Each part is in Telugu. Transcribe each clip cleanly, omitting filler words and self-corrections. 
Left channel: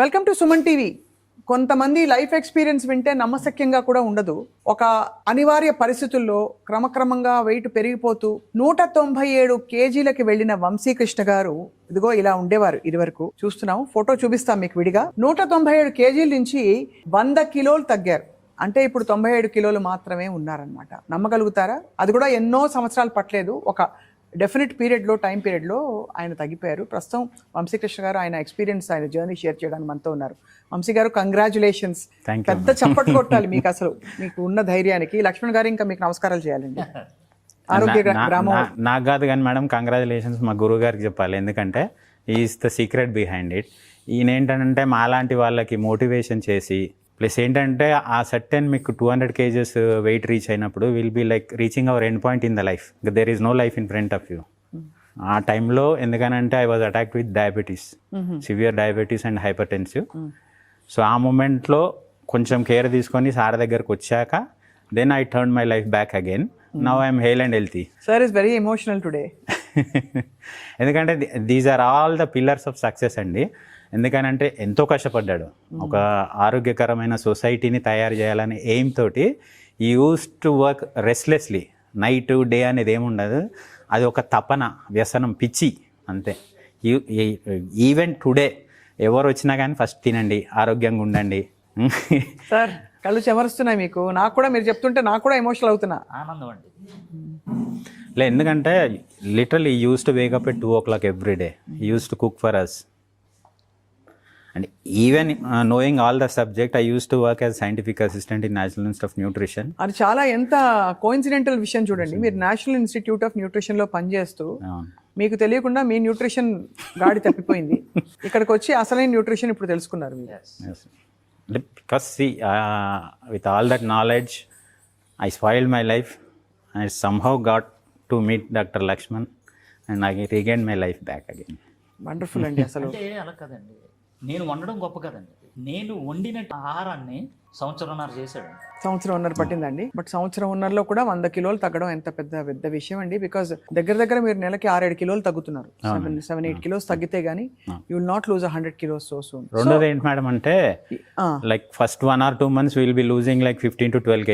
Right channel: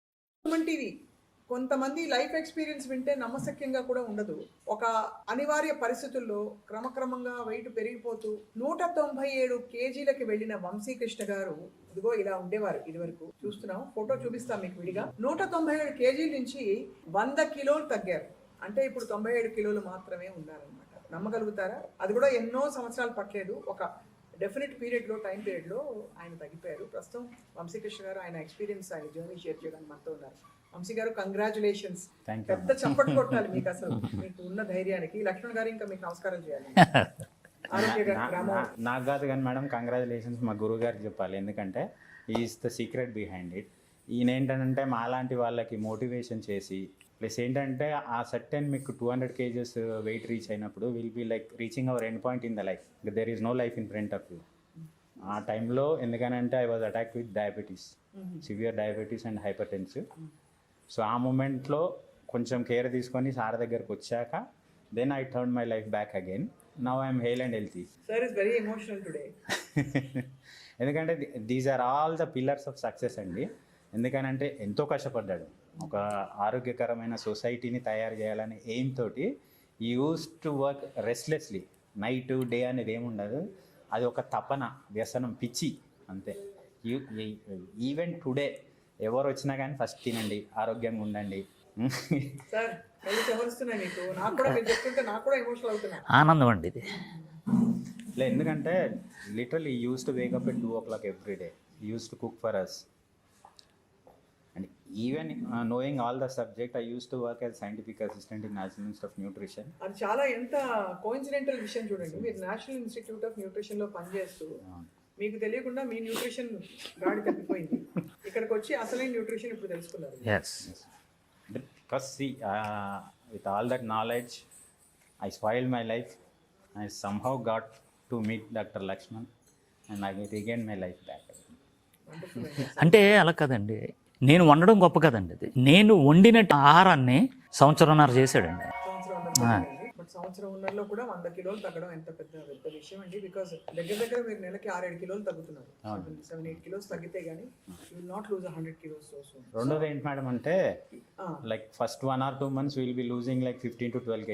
Welcome to Suman TV. కొంతమంది లైఫ్ ఎక్స్పీరియన్స్ వింటే నమ్మశక్యంగా కూడా ఉండదు. ఒక అనివార్య పరిస్థితుల్లో క్రమక్రమంగా వెయిట్ పెరిగిపోతూ 197 కేజీలకి వెళ్ళిన వంశీకృష్ణ గారు ఇదిగో ఇలా ఉండేవారు. ఇదివరకు చూస్తున్నాం, ఫోటో చూపిస్తాం మీకు విడిగా. 197 కేజీల నుంచి 100 కిలోలు తగ్గారు. అంటే ఇప్పుడు 97 కిలోలు మాత్రమే ఉన్నారనమాట. నమ్మగలుగుతారా? అది కూడా ఎన్నో సంవత్సరాలు పట్టలేదు, ఒక డెఫినెట్ పీరియడ్లో, టైం పీరియడ్లో ఆయన తగ్గిపోయారు. ప్రస్తుతం వంశీకృష్ణ గారు ఆయన ఎక్స్పీరియన్స్, ఆయన జర్నీ షేర్ చేయడానికి మనతో ఉన్నారు. వంశీ గారు, కంగ్రాచులేషన్స్. పెద్ద చప్పట్లు కొట్టాలి మీకు, అసలు మీకు ఉన్న ధైర్యానికి. లక్ష్మణ్ గారు ఇంకా మీకు నమస్కారాలు చేయాలండి. ఆరోగ్య గ్రామం నాకు కాదు కానీ మేడం, కంగ్రాచులేషన్స్ మా గురువు గారికి చెప్పాలి. ఎందుకంటే is the secret behind it. ఈయన ఏంటంటే మాలాంటి వాళ్ళకి మోటివేషన్ చేసి, ప్లస్ ఏంటంటే ఆ సర్టెన్ మీకు 200 kgs వెయిట్ రీచ్ అయినప్పుడు will be like reaching our end point in the life. There is no life in front of you. ఆ టైంలో ఎందుకనంటే I was attacked with diabetes, severe diabetes and hypertensive. So ఆ మూమెంట్లో కొంచెం కేర్ తీసుకొని సార్ దగ్గరకు వచ్చాక then I turn my life back again. Now I'm hale and healthy. Sir is very emotional today. ఎందుకంటే these are all the pillars of success అండి. ఎందుకనంటే ఎంతో కష్టపడ్డాడు. ఒక ఆరోగ్యకరమైన సొసైటీని తయారు చేయాలనే ఎయిమ్ తోటి ఈ use to work రెస్ట్లెస్లీ. Night day అనేది ఏముండదు, అది ఒక తపన, వ్యసనం, పిచ్చి అంతే. ఈవెన్ టుడే ఎవరు వచ్చినా కానీ ఫస్ట్ తినండి, ఆరోగ్యంగా ఉండండి. సార్ కళ్ళు చెమరుస్తున్నాయి మీకు. నాకు కూడా మీరు చెప్తుంటే నాకు కూడా ఎమోషనల్ అవుతున్నా. ఆనందం అండి ఇది. ఎందుకంటే literally use to wake up at 2 o'clock every day. Use to cook for us. And even knowing all the subject, I used to work as scientific assistant in National Institute of Nutrition. అది చాలా ఎంత కోఇన్సిడెంటల్ విషయం చూడండి. మీరు నేషనల్ ఇన్స్టిట్యూట్ ఆఫ్ న్యూట్రిషన్లో పనిచేస్తూ మీకు తెలియకుండా మీ న్యూట్రిషన్ గాడి తప్పిపోయింది. ఇక్కడికి వచ్చి అసలైన న్యూట్రిషన్ ఇప్పుడు తెలుసుకున్నారు. Because see, with all that knowledge, I spoiled my life. I somehow got to meet Dr. Lakshman and I regained my life back again. Wonderful అండి. అసలు అంటే అలా కదండి, నేను వండడం గొప్ప కదండి. అది నేను వండిన ఆహారాన్ని సంవత్సరంన్నర చేశాడండి. సంవత్సరంన్నర పట్టిందండి. బట్ సంవత్సరంన్నరలో కూడా 100 కిలోలు తగ్గడం ఎంత పెద్ద విషయం అండి. బికాజ్ దగ్గర మీరు నెలకి 6-7 కిలోలు తగ్గుతున్నారు. 7-8 కిలోస్ తగ్గితే గానీ you will not lose 100 kilos so soon. రెండోది ఏంటి మేడం అంటే, like first 1 or 2 months will be losing like 15 to 12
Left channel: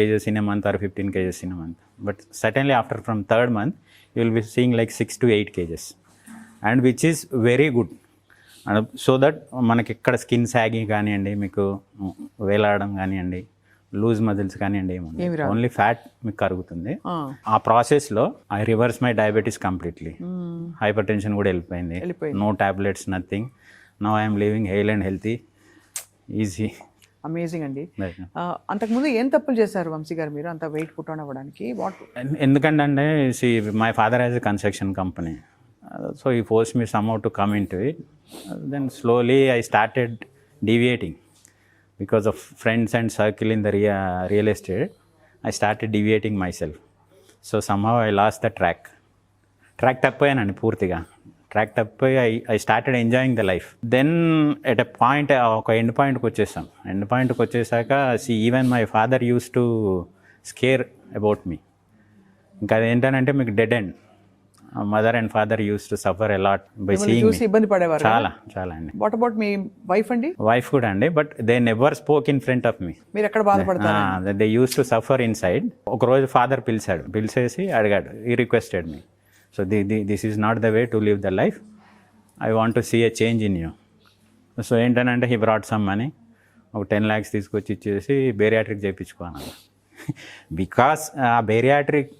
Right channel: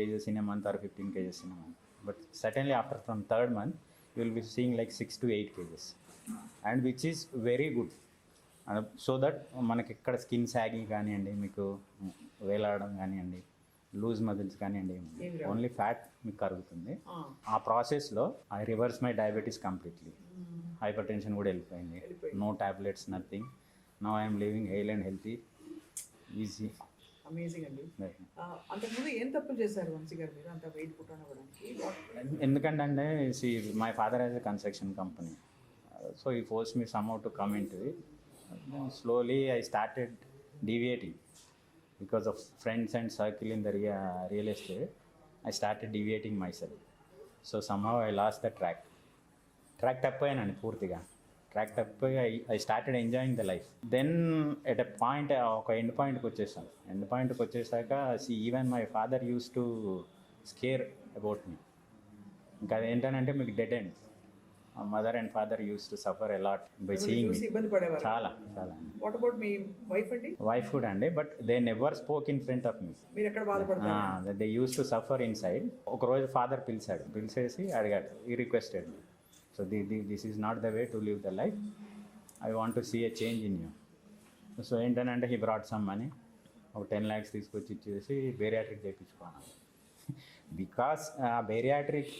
kgs in a month or 15 kgs in a month. But certainly after from 3rd month you will be seeing like 6 to 8 kgs, and which is very good. So that మనకి ఇక్కడ స్కిన్ సాగింగ్ కానివ్వండి, మీకు వేలాడడం కానివ్వండి, లూజ్ మజిల్స్ కానివ్వండి, ఏముంది ఓన్లీ ఫ్యాట్ మీకు కరుగుతుంది. ఆ ప్రాసెస్లో I reverse my diabetes completely. Hypertension కూడా వెళ్ళిపోయింది. No tablets, nothing. Now I'm living hale and healthy, easy. Amazing అండి. అంతకుముందు ఏం తప్పులు చేశారు వంశీ గారు మీరు అంత వెయిట్ పుట్ ఆన్ అవ్వడానికి? ఎందుకంటే my father has a construction company. So he forced me somehow to come into it. Then slowly I started deviating because of friends and circle in the real estate. I started deviating myself. So somehow I lost the track tappoyanandi పూర్తిగా. ట్రాక్ తప్పిపోయి I started enjoying the life. Then at a point, ఒక ఎండ్ పాయింట్కి వచ్చేసాం. ఎండ్ పాయింట్కి వచ్చేసాక even my father used to scare about me. ఇంకా అదేంటంటే మీకు dead end. Mother and father use to suffer a lot by seeing me. ఇబ్బంది పడేవారు చాలా అండి. వాట్ అబౌట్ మీ వైఫ్ అండి? వైఫ్ కూడా అండి, but they never spoke in front of me. మీరు ఎక్కడ బాధపడతారు? They use to suffer inside. ఒక రోజు ఫాదర్ పిలిచేసి అడిగాడు, he requested me. So this is not the way to live the life. I want to see a change in you. So ఏంటంటే హీ బ్రాట్ సమ్ మనీ, ఒక 10 lakhs తీసుకొచ్చి ఇచ్చేసి బేరియాట్రిక్ చేయించుకోవాలి. బికాస్ ఆ బేరియాట్రిక్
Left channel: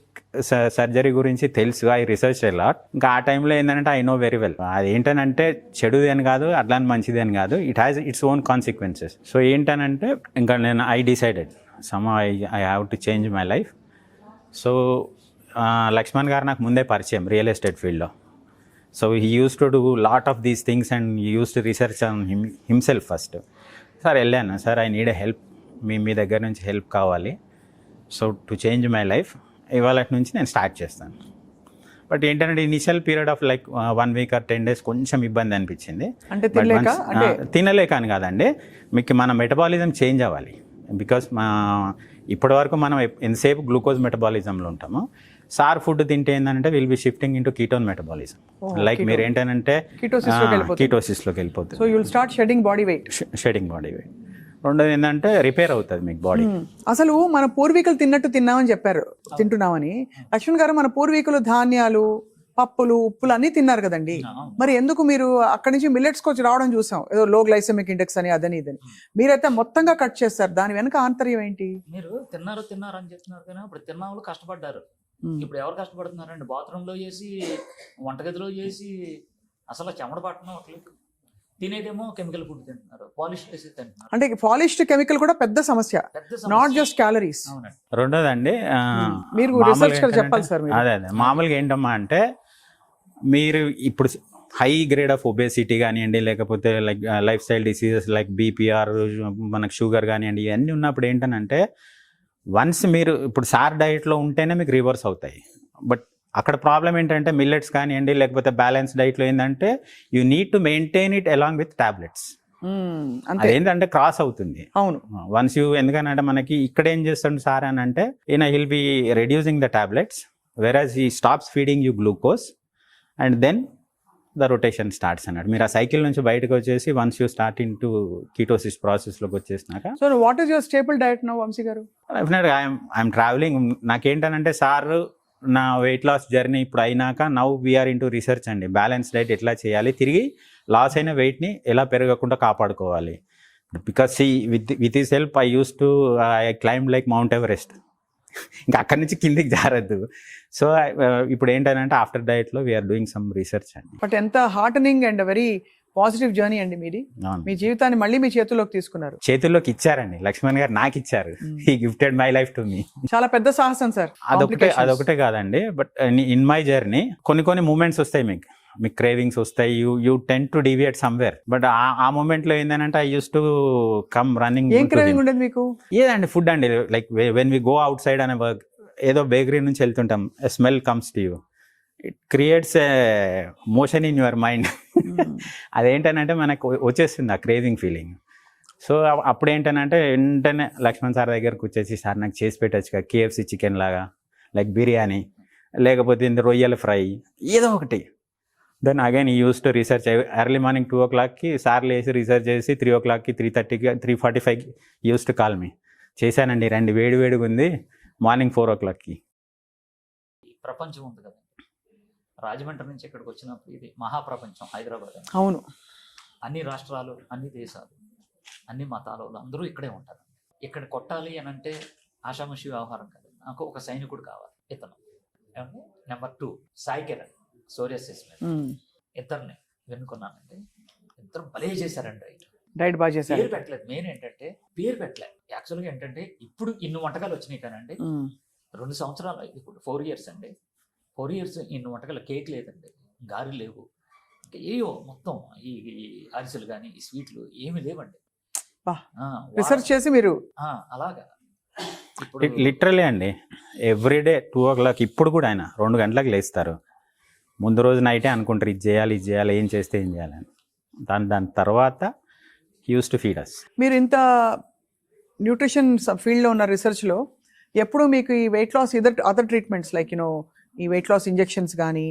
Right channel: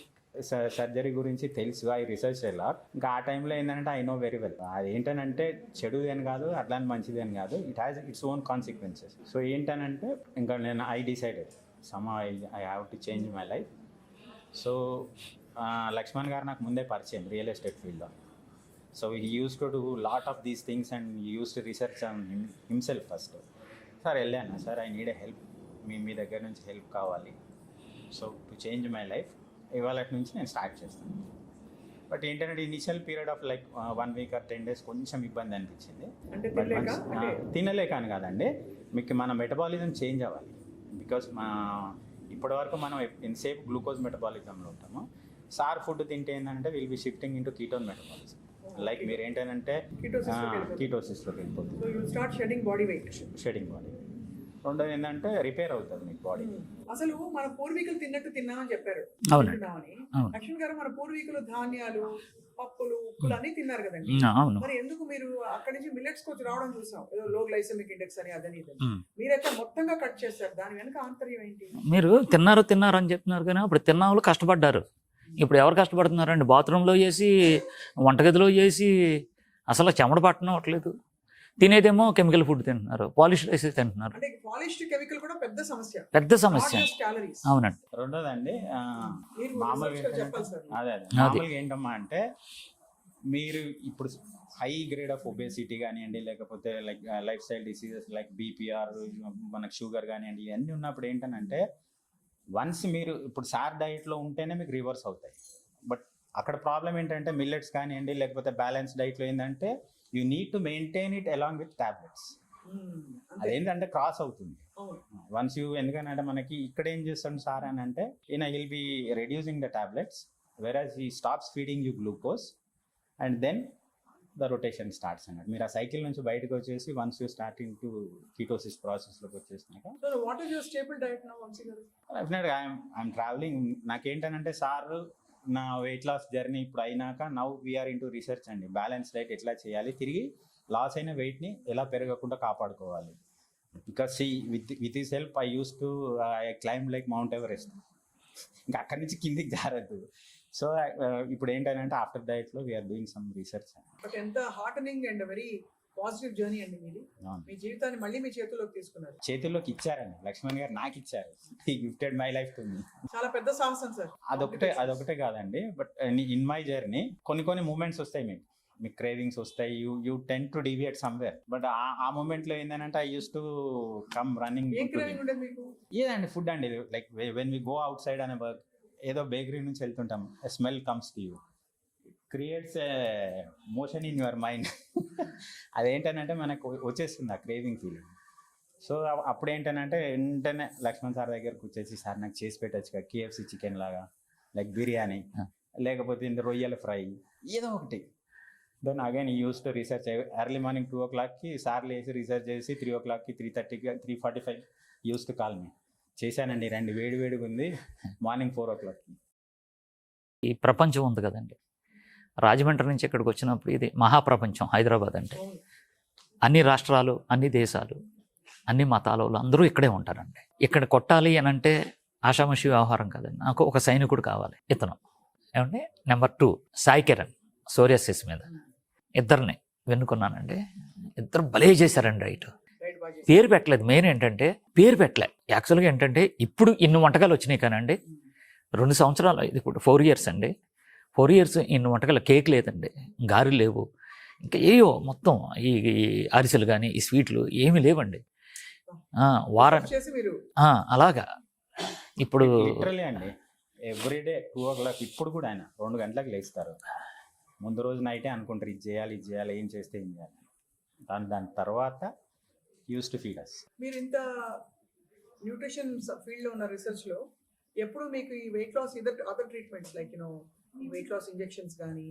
సర్జరీ గురించి తెలుసు, ఐ రీసెర్చ్ లాట్. ఇంకా ఆ టైంలో ఏంటంటే ఐ నో వెరీ వెల్ అది ఏంటనంటే చెడుది అని కాదు, అట్లా మంచిది అని కాదు, it has its own consequences. So ఏంటనంటే ఇంకా నేను I decided some I have to change my life. So Lakshman garu నాకు ముందే పరిచయం రియల్ ఎస్టేట్ ఫీల్డ్లో. So he use to do lot of these things and he use to research on himself first. Sir వెళ్ళాను, sir I need a help, మీ దగ్గర నుంచి హెల్ప్ కావాలి. So to change my life ఇవాళ నుంచి నేను స్టార్ట్ చేస్తాను. బట్ ఏంటంటే initial period of like 1 week or 10 days కొంచెం ఇబ్బంది అనిపించింది. తినలేక అని కాదండి, మీకు మన మెటబాలిజం చేంజ్ అవ్వాలి. బికాస్ ఇప్పటి వరకు మనం ఎంతసేపు గ్లూకోజ్ మెటబాలిజంలో ఉంటాము. సార్ ఫుడ్ తింటే ఏంటంటే will be shifting into ketone metabolism. Like మీరు ఏంటంటే కీటోసిస్లోకి వెళ్ళిపోతుంది. So you'll start shedding body weight. Shedding body weight. రెండోది ఏంటంటే రిపేర్ అవుతుంది మీకు బాడీ. అసలు మన పూర్వీకులు తిన్నట్టు తిన్నామని చెప్పారు, తింటున్నామని. లక్ష్మణ్ గారు, మన పూర్వీకులు ధాన్యాలు, పప్పులు, ఉప్పులు అన్ని తిన్నారు కదండి. మరి ఎందుకు మీరు అక్కడి నుంచి మిల్లెట్స్ వచ్చి రావడం చూసాం, ఏదో లో గ్లైసెమిక్ ఇండెక్స్ అని అదని ఇదని. మీరైతే మొత్తంగా కట్ చేస్తారు, దాని వెనక ఆంతర్యం ఏంటి? మీరు తిన్నారు అని చెప్తున్నారు కానీ అప్పుడు తిన్న వాళ్ళు కష్టపడ్డారు. ఇప్పుడు ఎవరు కష్టపడుతున్నారండి? బాత్రూంలో చేసి, వంటగదిలో చేసి, అసలు చెమట పట్టనట్లేదు. తినేదేమో కెమికల్ ఫుడ్ తింటున్నారు, పాలిష్ రైస్ తింటున్నారు. అంటే పాలిష్డ్ కెమికల్ కూడా పెద్ద సమస్య, నాట్ జస్ట్ క్యాలరీస్. అవునండి. రెండోదండి, మీరు రీసెర్చ్ చెప్పాలి సార్. అదే మామూలుగా ఏంటమ్మా అంటే, మీరు ఇప్పుడు హై గ్రేడ్ ఆఫ్ ఒబేసిటీ కానివ్వండి, లేకపోతే like life style diseases like BPR, మనకు షుగర్ కానివ్వండి, ఇవన్నీ ఉన్నప్పుడు ఏంటనంటే, వన్స్ మీరు ఇప్పుడు సార్ డైట్లో ఉంటేనే మీకు రివర్స్ అవుతాయి. బట్ అక్కడ ప్రాబ్లం ఏంటంటే మిల్లెట్స్ కానివ్వండి, లేకపోతే బ్యాలెన్స్ డైట్లో ఏంటంటే you need to maintain it along with tablets. అదేంటంటే క్రాస్ అవుతుంది. అవును. వన్స్ యూ, ఎందుకనంటే మనకి ఇక్కడ ఏం చేస్తాడు సార్ అని అంటే, he'll be reducing the tablets, whereas he stops feeding you glucose and then the rotation starts అన్నాడు. మీరు ఆ సైకిల్ నుంచి బయటకు వచ్చేసి once you start in to ketosis ప్రాసెస్లోకి వచ్చేసినాక. So what is your stable diet now Vamshi garu? డెఫినెట్గా ఐఎమ్ ట్రావెలింగ్. నాకేంటనంటే సార్ నా వెయిట్ లాస్ జర్నీ ఇప్పుడు అయినాక నౌ వీఆర్ ఇంటూ రీసెర్చ్ అండి. బ్యాలెన్స్ డైట్ ఎట్లా చేయాలి, తిరిగి లాస్ అయిన వెయిట్ని ఎలా పెరగకుండా కాపాడుకోవాలి. Because with his help I use to I climb like mount Everest. ఇంకా అక్కడి నుంచి కిందికి జారద్దు. సో ఇప్పుడు ఏంటంటే ఆఫ్టర్ డైట్లో వీఆర్ డూయింగ్ సమ్ రీసెర్చ్ అండి. బట్ ఎంత heartening and very positive journey అండి మీది. మీ జీవితాన్ని మళ్ళీ మీ చేతుల్లోకి తీసుకున్నారు. చేతుల్లోకి ఇచ్చారండి లక్ష్మణ్ గారు, నాకు ఇచ్చారు. He gifted my life to me. చాలా పెద్ద సాహసం సార్. అదొకటే కాదండి, బట్ ఇన్ మై జర్నీ కొన్ని మూమెంట్స్ వస్తాయి, మీకు క్రేవింగ్స్ వస్తాయి, you tend to deviate somewhere. But ఆ మూమెంట్లో ఏంటంటే I use to come running. ఏం క్రేవింగ్ ఉండేది మీకు? ఏదండి ఫుడ్ అండి. Like when we go outside అనే వర్క్, ఏదో బేకరీ నుంచి వెళ్తుంటాం, a smell comes to you, it creates emotion in your mind. అదేంటనంటే మనకు వచ్చేస్తుంది ఆ క్రేవింగ్ ఫీలింగ్. సో అప్పుడు ఏంటనంటే వెంటనే లక్ష్మణ్ సార్ దగ్గరకు వచ్చేసి, సార్ నాకు చేసి పెట్టచ్చు KFC చికెన్ లాగా, లైక్ బిర్యానీ, లేకపోతే రొయ్యల ఫ్రై, ఏదో ఒకటి. దెన్ అగైన్ ఈ use to research. Early morning 2 o'clockకి సార్లు వేసి రీసెర్చ్ చేసి 3 o'clockకి 3:30కి 3:45 యూస్ టు కాల్ మీ. చేశానండి, రండి, వేడిగా ఉంది, మార్నింగ్ 4 o'clockకి. ఈ ప్రపంచం ఉంది కదండి, రాజమండ్రి నుంచి ఇక్కడికి వచ్చినప్పుడు ఇది మహాప్రపంచం హైదరాబాద్ అండి. అవును. అన్ని రాష్ట్రాలు, అన్ని దేశాలు, అన్ని మతాల వాళ్ళు అందరూ ఇక్కడే ఉంటారండి. ఇక్కడ కొట్టాలి అని అంటే ఆషామాషి వ్యవహారం కాదండి. నాకు ఒక సైనికుడు కావాలి. ఇతను ఏమంటే నెంబర్ 2 సాయి కిరణ్, సోరియాసిస్ మీద. ఇద్దరిని వెన్నుకున్నానండి. ఇద్దరు భలే చేశారండి డైట్ బాగా చేశారు. పేరు పెట్టలేదు. మెయిన్ ఏంటంటే పేరు పెట్టలే. యాక్చువల్గా ఏంటంటే ఇప్పుడు ఇన్ని వంటకాలు వచ్చినాయి కానండి, 2 సంవత్సరాలు, ఇది ఇప్పుడు 4 years అండి. 4 years ఇన్ని వంటకాలు. కేక్ లేదండి, గారెలు లేవు, ఇంకా ఏవో మొత్తం ఈ అరిసెలు కానీ ఈ స్వీట్లు ఏమీ లేవండి. చేసి మీరు అలాగా ఇప్పుడు లిటరలీ అండి ఎవ్రీడే 2 o'clock. ఇప్పుడు కూడా ఆయన 2 గంటలకు లేస్తారు. ముందు రోజు నైటే అనుకుంటారు ఇది చేయాలి ఏం చేస్తే ఏం చేయాలని. దాని తర్వాత యూస్ టు ఫీడ్ అస్. మీరు ఇంత న్యూట్రిషన్ ఫీల్డ్లో ఉన్న రీసెర్చ్లో ఎప్పుడు మీకు ఈ weight loss other treatments like ఈ వెయిట్ లాస్ ఇంజెక్షన్స్ కానీ,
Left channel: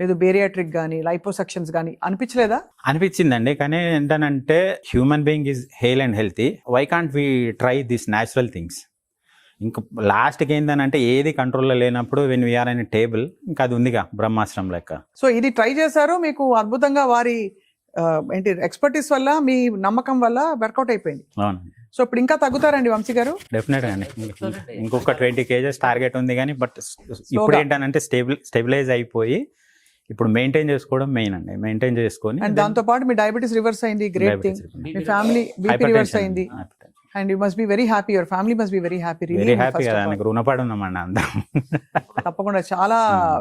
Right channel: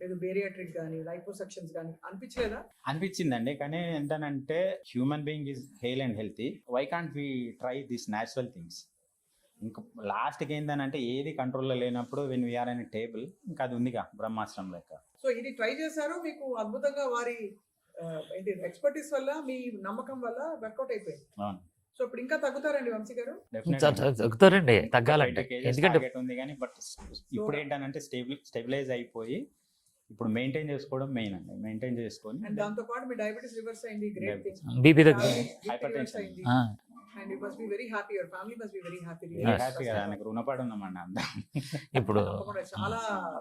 లేదు బేరియాట్రిక్ కానీ, లైపోసక్షన్స్ కానీ అనిపించలేదా? అనిపించిందండి, కానీ ఏంటంటే human being is hale and healthy, why can't we try this natural things. ఇంకా లాస్ట్కి ఏంటంటే ఏది కంట్రోల్లో లేనప్పుడు వెన్ వీఆర్ అనే టేబుల్, ఇంకా అది ఉందిగా బ్రహ్మాస్త్రం లెక్క. సో ఇది ట్రై చేశారు, మీకు అద్భుతంగా వారి ఏంటి ఎక్స్పర్టీస్ వల్ల, మీ నమ్మకం వల్ల వర్కౌట్ అయిపోయింది. అవును. సో ఇప్పుడు ఇంకా తగ్గుతారండి వంశీ గారు? తగ్గుతారండి. ఇంకొక 20 kgs టార్గెట్ ఉంది, కానీ బట్ ఇప్పుడు ఏంటంటే స్టెబిలైజ్ అయిపోయి ఇప్పుడు మెయింటైన్ చేసుకోవడం మెయిన్ అండి. మెయింటైన్ చేసుకొని అండ్ దాంతో పాటు మీ డయాబెటీస్ రివర్స్ అయింది, great thing. Family BP reverse అయింది. And you must be very happy, your family must be very happy. Really very happy కదా, నాకు రుణపడి ఉన్నామండి అందరం. ఇప్పుడు తప్పకుండా చాలా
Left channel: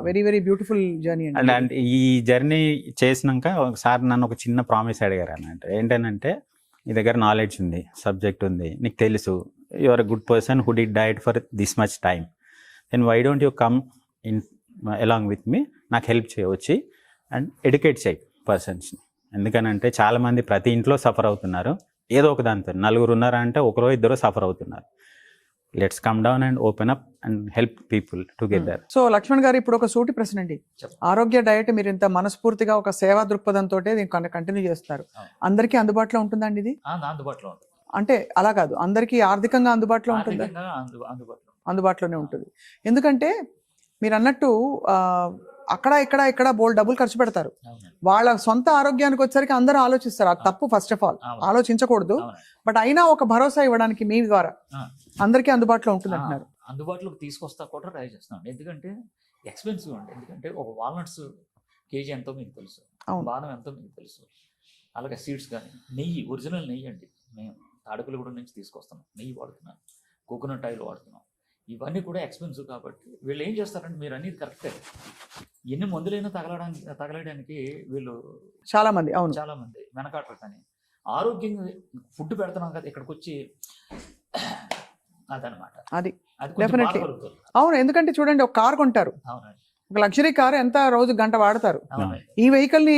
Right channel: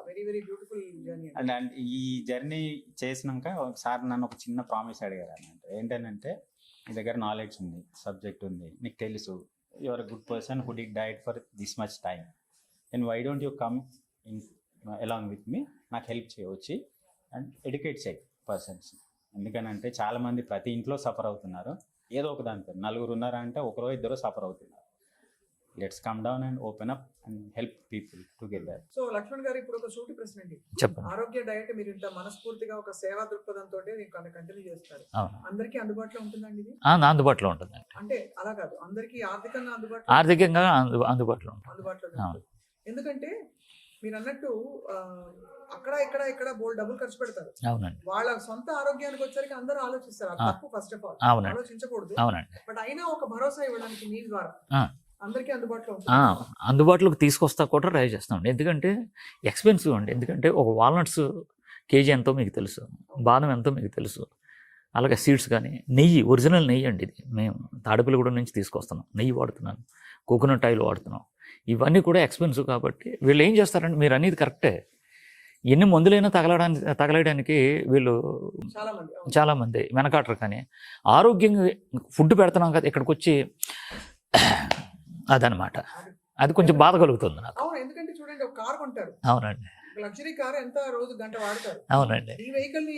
వెరీ బ్యూటిఫుల్ జర్నీ అండి. అండ్ ఈ జర్నీ చేసినాక ఒకసారి నన్ను ఒక చిన్న ప్రామిస్ అడిగారు అన్నట్టు. ఏంటంటే నీ దగ్గర నాలెడ్జ్ ఉంది, సబ్జెక్ట్ ఉంది, నీకు తెలుసు, you are a good person who did diet for this much time, then why don't you come in along with me, నాకు హెల్ప్ చేయవచ్చి అండ్ ఎడ్యుకేట్ చేయి పర్సన్స్ని. ఎందుకనంటే చాలామంది ప్రతి ఇంట్లో సఫర్ అవుతున్నారు ఏదో ఒక దాంతో. 4 ఉన్నారంటే 1 2 సఫర్ అవుతున్నారు. Let's come down and open up and help people together. So Lakshman గారు ఇప్పుడు ఒక సూటి ప్రశ్న అండి. చెప్పండి. ఆరోగ్య డయట్ మీరు ఇంత మనస్ఫూర్తిగా ఒక సేవా దృక్పథంతో దీన్ని కంటిన్యూ చేస్తారు. అవును. అందరికీ అందుబాటులో ఉంటుందండి ఇది? అందుబాటులో ఉంటుంది. అంటే అలా కాదు, అందరికీ ఆర్థికంగా అందుబాటులో ఉంటుందా? ఆర్థికంగా అందుబాటులో ఉంటుంది. అందుబాటులోనే అవును. ఉంటుంది. ఎందుకంటే మీరు అన్నట్టు అక్కడ ఇక్కడ బోల్డ్ డబ్బులు ఖర్చు పెడతారు. అవునండి. వాళ్ళ సొంత ఆరోగ్యానికి వచ్చరికి అందరూ ఆలోచిస్తారు. అది తప్పు, ఫస్ట్ ఆఫ్ ఆల్ అవునండి. ఆలోచించకూడదు. అవునండి. బట్ అయినా ఒక భరోసా ఇవ్వడానికి మీ ద్వారా ఆ. అందరికీ అందుబాటులో ఉంటుంది అంటున్నారు. అందుబాటులోకి తీసుకొస్తా కూడా ట్రై చేస్తామండి. ఎందుకంటే ఎక్స్పెన్సివ్ అండి. ఎందుకంటే ఒక వాల్నట్స్ కేజీ ఎంతో మీకు తెలుసు, అవును. బాదం ఎంతో మీకు తెలుసు, అలాగే సీడ్స్ కానీ, నెయ్యి, ఒరిజినల్ నెయ్యి అండి ఇది. మేము తాడేపల్లిగూడెం నుంచి తీసుకొస్తున్నాం, నెయ్యి వాడుతున్నాను, కోకోనట్ ఆయిల్ వాడుతున్నాం. ఇవన్నీ కూడా ఎక్స్పెన్సివ్ కాబట్టి వీళ్ళు ఏం చేస్తారంటే, మీరు అనేది కరెక్టే, ఎన్ని మందులైనా తగలడానికి వీళ్ళు చాలా మంది అవును చాలా మంది వెనకాటరు. కానీ ఆరోగ్యంగా ఫుడ్ పెడుతున్నాం కదా, ఇక్కడికి వచ్చి అదనమాట, అది అది కొంచెం బాధ Definitely. కలుగుతుంది నాకు. అవును. ఎందుకంటే చూడండి, ఒక కార్ కొంటారు, అవునండి. ఒక లగ్జరీ కార్ ఎంత రోజు గంట వాడతారు. అవునండి. ఈ వెహికల్ ని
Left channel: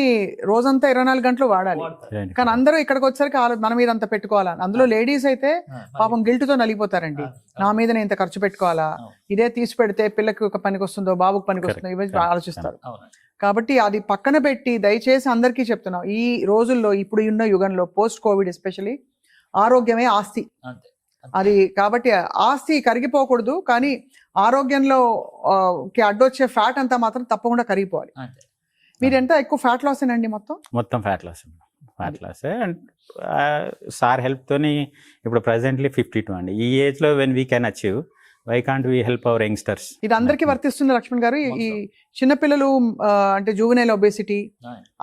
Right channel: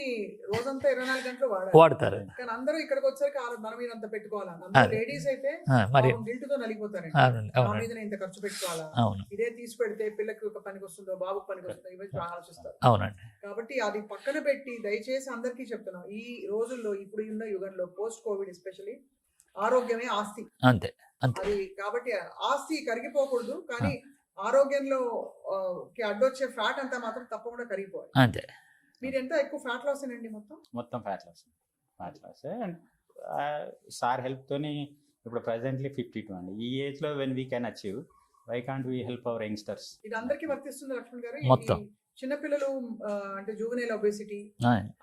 రోజంతా 24 గంటలు వాడాలి. వాడతారు. కానీ అందరూ ఇక్కడికి వచ్చరికి మన మీద అంత పెట్టుకోవాలా. అందులో లేడీస్ అయితే మరి పాపం గిల్ట్ తో నలిగిపోతారండి. అవునండి. నా మీద నేను ఇంత ఖర్చు పెట్టుకోవాలా, అవును. ఇదే తీసి పెడితే పిల్లకి ఒక పనికి వస్తుందో బాబుకి పనికి వస్తుందో ఇవన్నీ ఆలోచిస్తారు. అవునండి. కాబట్టి అది పక్కన పెట్టి దయచేసి అందరికీ చెప్తున్నాం, ఈ రోజుల్లో ఇప్పుడు ఉన్న యుగంలో పోస్ట్ కోవిడ్ ఎస్పెషల్లీ ఆరోగ్యమే ఆస్తి. అంతే. అది కాబట్టి ఆస్తి కరిగిపోకూడదు, కానీ ఆరోగ్యంలో అడ్డొచ్చే ఫ్యాట్ అంతా మాత్రం తప్పకుండా కరిగిపోవాలి. అంతే. మీరు ఎంత ఎక్కువ ఫ్యాట్ లాస్ అండి మొత్తం ఫ్యాట్ లాస్ అండ్ సార్ హెల్ప్తోని ఇప్పుడు ప్రజెంట్లీ 52 అండి. ఈ ఏజ్లో when we can achieve, why can't we help our youngsters? ఇది అందరికీ వర్తిస్తుంది లక్ష్మణ్ గారు. ఈ మొత్తం. చిన్నపిల్లలు అంటే జూవెనైల్ ఒబేసిటీ,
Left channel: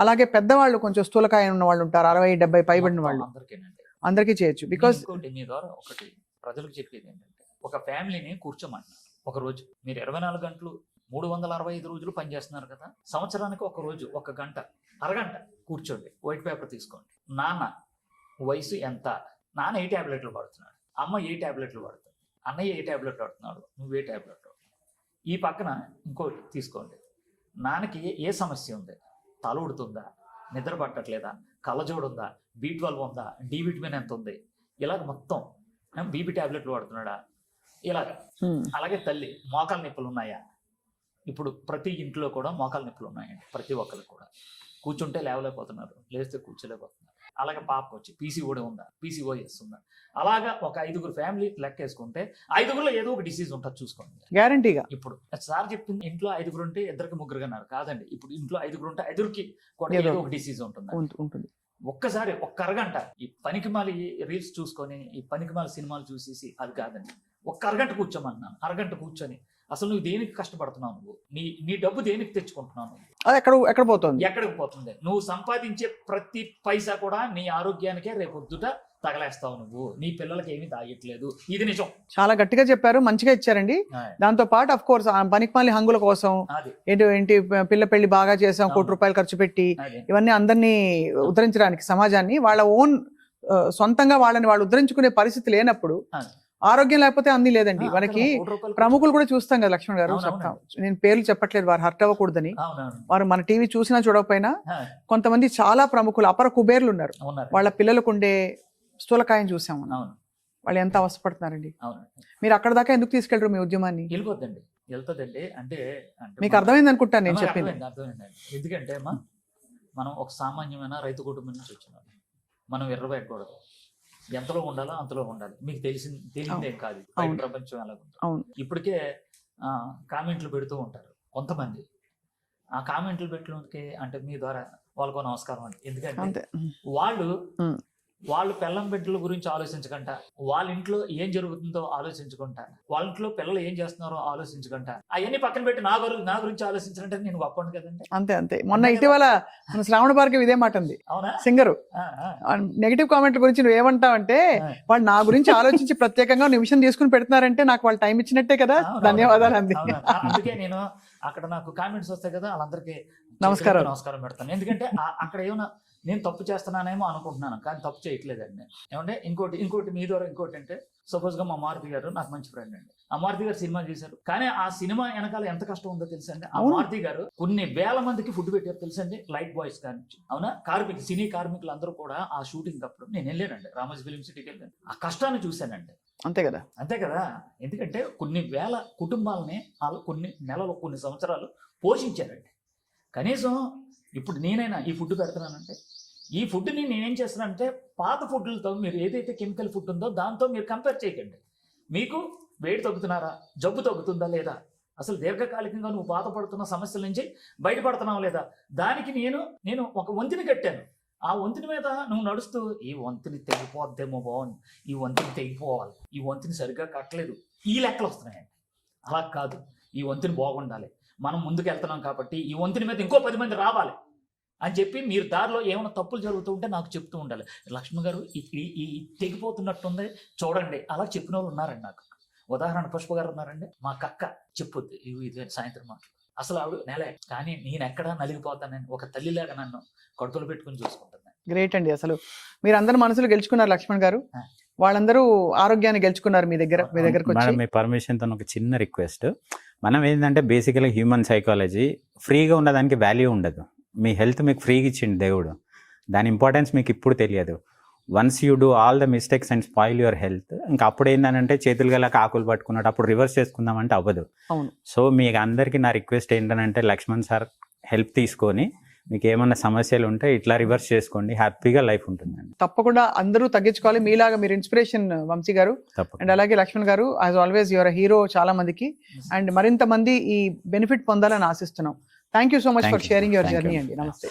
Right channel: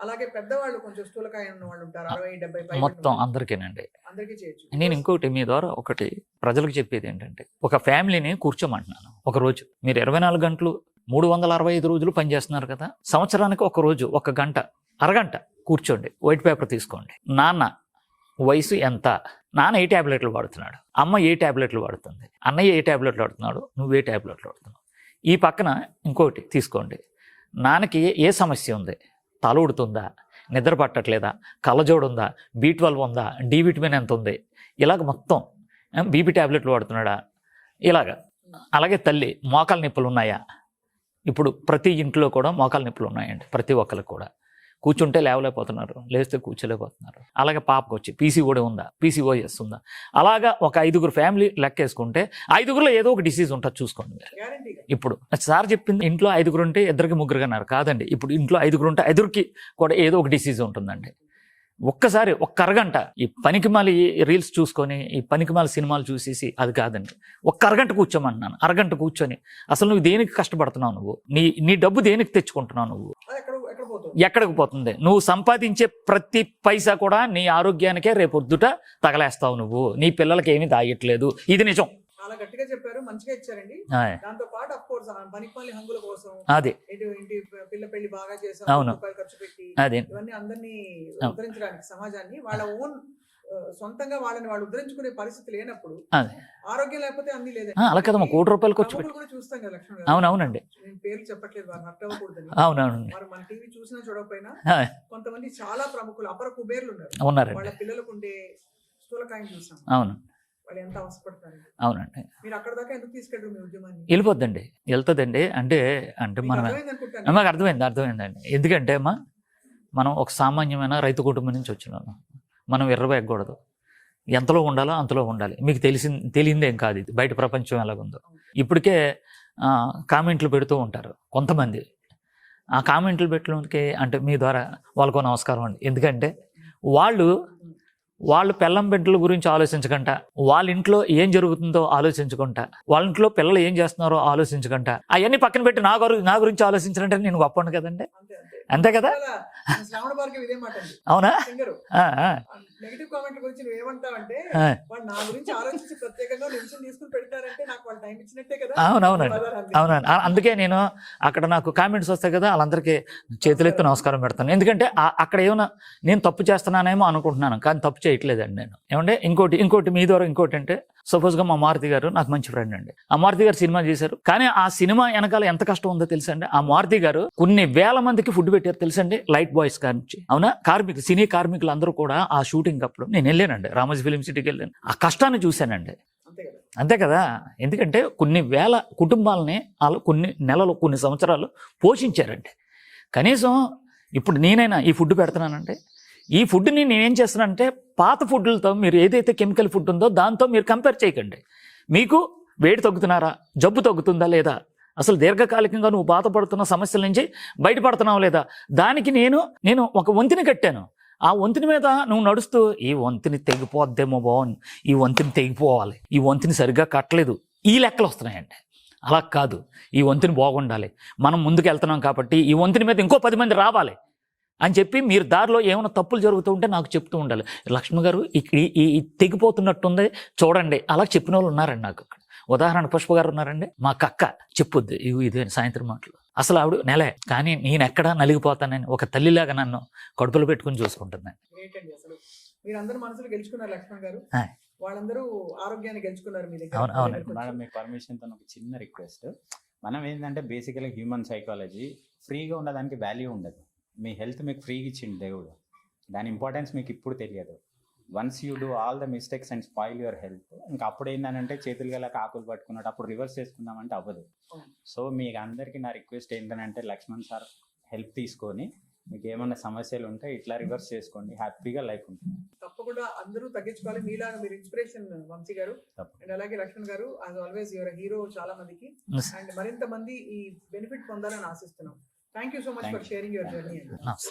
అలాగే పెద్దవాళ్ళు కొంచెం స్థూలకాయ ఉన్న వాళ్ళు ఉంటారు, 60-70 పైబడిన మొత్తం వాళ్ళు, అందరికీనండి. అందరికీ చేయొచ్చు. నేను బికాస్ ఇంకోటి మీ ద్వారా ఒకటి ప్రజలకు చెప్పేది ఏంటంటే, ఒక ఫ్యామిలీని కూర్చోమంటున్నాను. ఒక రోజు మీరు 24 గంటలు 365 రోజులు పనిచేస్తున్నారు కదా, సంవత్సరానికి ఒక రోజు 1 గంట, అరగంట కూర్చోండి, వైట్ పేపర్ తీసుకోండి. నాన్న వయసు ఎంత, నాన్న ఏ ట్యాబ్లెట్లు వాడుతున్నాడు, అమ్మ ఏ ట్యాబ్లెట్లు వాడుతుంది, అన్నయ్య ఏ ట్యాబ్లెట్లు వాడుతున్నాడు, నువ్వు ఏ ట్యాబ్లెట్లు వాడుతున్నావు. ఈ పక్కన ఇంకోటి తీసుకోండి, నాన్నకి ఏ సమస్య ఉంది, తల ఉడుతుందా, నిద్ర పట్టట్లేదా, కళ్ళజోడు ఉందా, B12 ఉందా, డి విటమిన్ ఎంత ఉంది, ఇలాగ మొత్తం బీపీ ట్యాబ్లెట్లు వాడుతున్నాడా, ఇలాగా. అలాగే తల్లి మోకాలు నొప్పులు ఉన్నాయా, ఇప్పుడు ప్రతి ఇంట్లో కూడా మోకాలు నొప్పులు ఉన్నాయండి, ప్రతి ఒక్కరికి కూడా. కూర్చుంటే లేవలేకపోతున్నారు, లేస్తే కూర్చోలేకపోతున్నారు. అలాగే పాపకు వచ్చి PCOD ఉందా, PCOS ఉందా, అలాగా ఒక 5గురు ఫ్యామిలీ లెక్కేసుకుంటే 5గురులో ఏదో ఒక డిసీజ్ ఉంటుంది, చూసుకోండి మీరు. గ్యారంటీగా. ఇప్పుడు సార్ చెప్పింది ఇంట్లో 5గురు ఉంటే 2కి 3 అన్నారు కాదండి, ఇప్పుడు ఇంట్లో 5గురు ఉంటే 5కి కూడా ఏదో ఒక డిసీజ్ ఉంటుందండి. ఉంటుంది. ఒక్కసారి ఒక్క అరగంట ఈ పనికిమాలి రీల్స్ చూసుకొని, ఈ పనికిమాలి సినిమాలు చూసేసి అది కాదండి, ఒక్క అరగంట కూర్చోమంటున్నాను. అరగంట కూర్చొని అసలు నువ్వు దేనికి కష్టపడుతున్నావు, నువ్వు నీ డబ్బు దేనికి తెచ్చుకుంటున్నావు, నువ్వు అది ఎక్కడ పోతుంది, ఎక్కడికి పోతుంది, నువ్వు సంపాదించే ప్రతి పైసా కూడా నీ ఆరోగ్యానికే రేపొద్దుట తగలేస్తావు, నువ్వు నీ పిల్లలకి ఏమీ దాయట్లేదు. ఇది నిజం. చాలా గట్టిగా చెప్పారు, మంచిగా ఇచ్చారండి. దాంతో పాటు ఆఫ్ కోర్స్ పనికిమాలి హంగుల కోసం అది ఏంటి పిల్ల పెళ్లి బాగా చేసాం, ₹1 ఖర్చు పెట్టి అదే ఇవన్నీ అందరినీ ఉద్ధరించడానికి, సమాజాన్ని వాళ్ళ ఓన్ సొంతంగా వాళ్ళని వాళ్ళు ఉద్ధరించుకునే పరిస్థితి లేనప్పుడు అదే ఆరోగ్యం లేకపోతే అన్ని లేదండి. మనకి ₹1 ప్రముఖులు కూడా చూస్తాం కదా లక్ష్మణ్ గారు. అవునవునండి. నేను పేర్లు చెప్పట్లేదు, వారు హర్ట్ అవ్వకూడదని. అవునవును. వారు మన టీవీ చూసినా చూడకపోయినా కొంతమంది చాలా ప్రముఖులు, అపర కుబేర్లు ఉన్నారు, వాళ్ళ పిల్లలకు ఉండే స్థూలకాయం చూసాము. అవును. వాళ్ళు ఎంత అవసరపడుతున్నారండి. అవునండి. మీరు అక్కడ దాకా ఎందుకు తీసుకెళ్ళరు మీ ఉద్యమాన్ని? వెళ్ళిపోద్దండి, వెళ్తుందండి. అంటే మీకు అర్థమైంది అనుకుంటాను. అర్థమైందండి. ఎందుకంటే అమ్మా, మనం ఒక సామాన్యమైన రైతు కుటుంబం నుంచి వచ్చినాము, మనం ఎర్రవేయకూడదు, ఎంతలో ఉండాలో అంతలో ఉండాలి. మీకు తెలియందేం కాదు ఇది, బయట ప్రపంచం ఎలాగుందో. ఇప్పటికే కామెంట్లు పెడుతూ ఉంటారు కొంతమంది. ఆ కామెంట్లు పెట్టడానికి అంటే మీ ద్వారా వాళ్ళకో నమస్కారం అండి. ఎందుకంటే వాళ్ళు పెళ్ళం బిడ్డల గురించి ఆలోచించకుండా, వాళ్ళ ఇంట్లో ఏం జరుగుతుందో ఆలోచించకుండా, వాళ్ళ ఇంట్లో పిల్లలు ఏం చేస్తున్నారో ఆలోచించకుండా, అవన్నీ పక్కన పెట్టి నా గురించి ఆలోచించాలంటే నేను గొప్పండి కదండి. అంతే కదా. శ్రావణ భార్గవి ఇదే మాట ఉంది, అవునా సింగరు. నెగిటివ్ కామెంట్ల గురించి నువ్వు ఏమంటావంటే, వాళ్ళు నా గురించి ఆలోచించి ప్రత్యేకంగా నిమిషం తీసుకుని పెడుతున్నారంటే నాకు వాళ్ళు టైం ఇచ్చినట్టే కదా. అవును. అందుకే నేను అక్కడ నాకు కామెంట్స్ వస్తాయి కదా, వాళ్ళందరికీ చేతులెత్తి నమస్కారం పెడతాను. ఎందుకంటే అక్కడ ఏమైనా నేను తప్పు చేస్తున్నానేమో అనుకుంటున్నాను, కానీ తప్పు చేయట్లేదండి నేను. ఏమంటే ఇంకోటి మీ ద్వారా ఇంకోటి అంటే, సపోజ్గా మా మారుతి గారు నాకు మంచి ఫ్రెండ్ అండి. ఆ మారుతి గారు సినిమా చేశారు, కానీ ఆ సినిమా వెనకాల ఎంత కష్టం ఉందో తెలుసండి. ఆ మారుతి గారు కొన్ని వేల మందికి ఫుడ్ పెట్టారు తెలుసండి, లైట్ బాయ్స్ నుంచి. అవునా, సినీ కార్మికులు అందరూ కూడా ఆ షూటింగ్ అప్పుడు నేను వెళ్ళానండి, రామోజీ ఫిలిం సిటీకి వెళ్ళాను. ఆ కష్టాన్ని చూశానండి. అంతే కదా, ఎందుకంటే కొన్ని వేల కుటుంబాలని వాళ్ళు కొన్ని నెలలు కొన్ని సంవత్సరాలు పోషించారండి. కనీసం ఇప్పుడు నేనైనా ఈ ఫుడ్ పెడుతున్నానంటే, ఈ ఫుడ్ని నేనేం చేస్తున్నానంటే పాత ఫుడ్లతో మీరు ఏదైతే కెమికల్ ఫుడ్ ఉందో దాంతో మీరు కంపేర్ చేయకండి. మీకు వేడి తగ్గుతున్నారా, జబ్బు తగ్గుతుందా లేదా, అసలు దీర్ఘకాలికంగా నువ్వు బాధపడుతున్న సమస్యల నుంచి బయటపడుతున్నావు లేదా, దానికి నేను ఒక వంతిని కట్టాను. ఆ వంతిని మీద నువ్వు నడుస్తూ ఈ వంతిని తెగిపోద్దేమో బాగుంది, ఈ వంతిని తెగిపోవాలి, ఈ వంతిని సరిగ్గా కట్టలేదు, ఈ లెక్కలు వస్తున్నాయండి. అలా కాదు, ఈ వంతిని బాగుండాలి, మనం ముందుకు వెళ్తున్నాం కాబట్టి ఈ వంతిని మీద ఇంకో 10 మంది రావాలి అని చెప్పి మీరు దారిలో ఏమైనా తప్పులు జరుగుతూ ఉంటే నాకు చెప్తూ ఉండాలి. లక్ష్మి గారు ఈ తెగిపోతున్నట్టుంది చూడండి, అలా చెప్పిన వాళ్ళు ఉన్నారండి నాకు. ఉదాహరణ పుష్ప గారు ఉన్నారండి, మా కక్క చెప్పుద్ది ఇది సాయంత్రం మాటలు. అసలు ఆవిడ నెలే, కానీ నేను ఎక్కడా నలిగిపోతానని ఒక తల్లిలాగా నన్ను కడుపులో పెట్టుకుని చూసుకుంటున్నాను. గ్రేట్ అండి. అసలు మీరు అందరి మనసులు గెలుచుకున్నారు లక్ష్మణ్ గారు, వాళ్ళందరూ ఆరోగ్యాన్ని గెలుచుకున్నారు మీ దగ్గరకు వచ్చి. మీ పర్మిషన్తో ఒక చిన్న రిక్వెస్ట్. మనం ఏంటంటే బేసికలీ హ్యూమన్ సైకాలజీ, ఫ్రీగా ఉండడానికి వాల్యూ ఉండదు. మీ హెల్త్ మీకు ఫ్రీగా ఇచ్చిండు దేవుడు, దాని ఇంపార్టెన్స్ మీకు ఇప్పుడు తెలియదు. Once you do all the mistakes and spoil your health, ఇంకా అప్పుడు ఏంటంటే చేతులు గల ఆకులు పట్టుకున్నట్టు అప్పుడు రివర్స్ చేసుకుందామంటే అవ్వదు. సో మీకు అందరికీ నా రిక్వెస్ట్ ఏంటంటే లక్ష్మణ్ సార్ హెల్ప్ తీసుకొని మీకు ఏమన్నా సమస్యలు ఉంటే ఇట్లా రివర్స్ చేసుకోండి, హ్యాపీగా లైఫ్ ఉంటుందండి. తప్పకుండా అందరూ తగ్గించుకోవాలి. మీలాగా మీరు ఇన్స్పిరేషన్ వంశీ గారు, అండ్ అలాగే లక్ష్మణ్ గారు, యాజ్ ఆల్వేస్ యువర్ హీరో చాలా మందికి, అండ్ మరింత మంది ఈ బెనిఫిట్ పొందాలని ఆశిస్తున్నాం. Thank you so much for sharing your journey అండి. నమస్తే.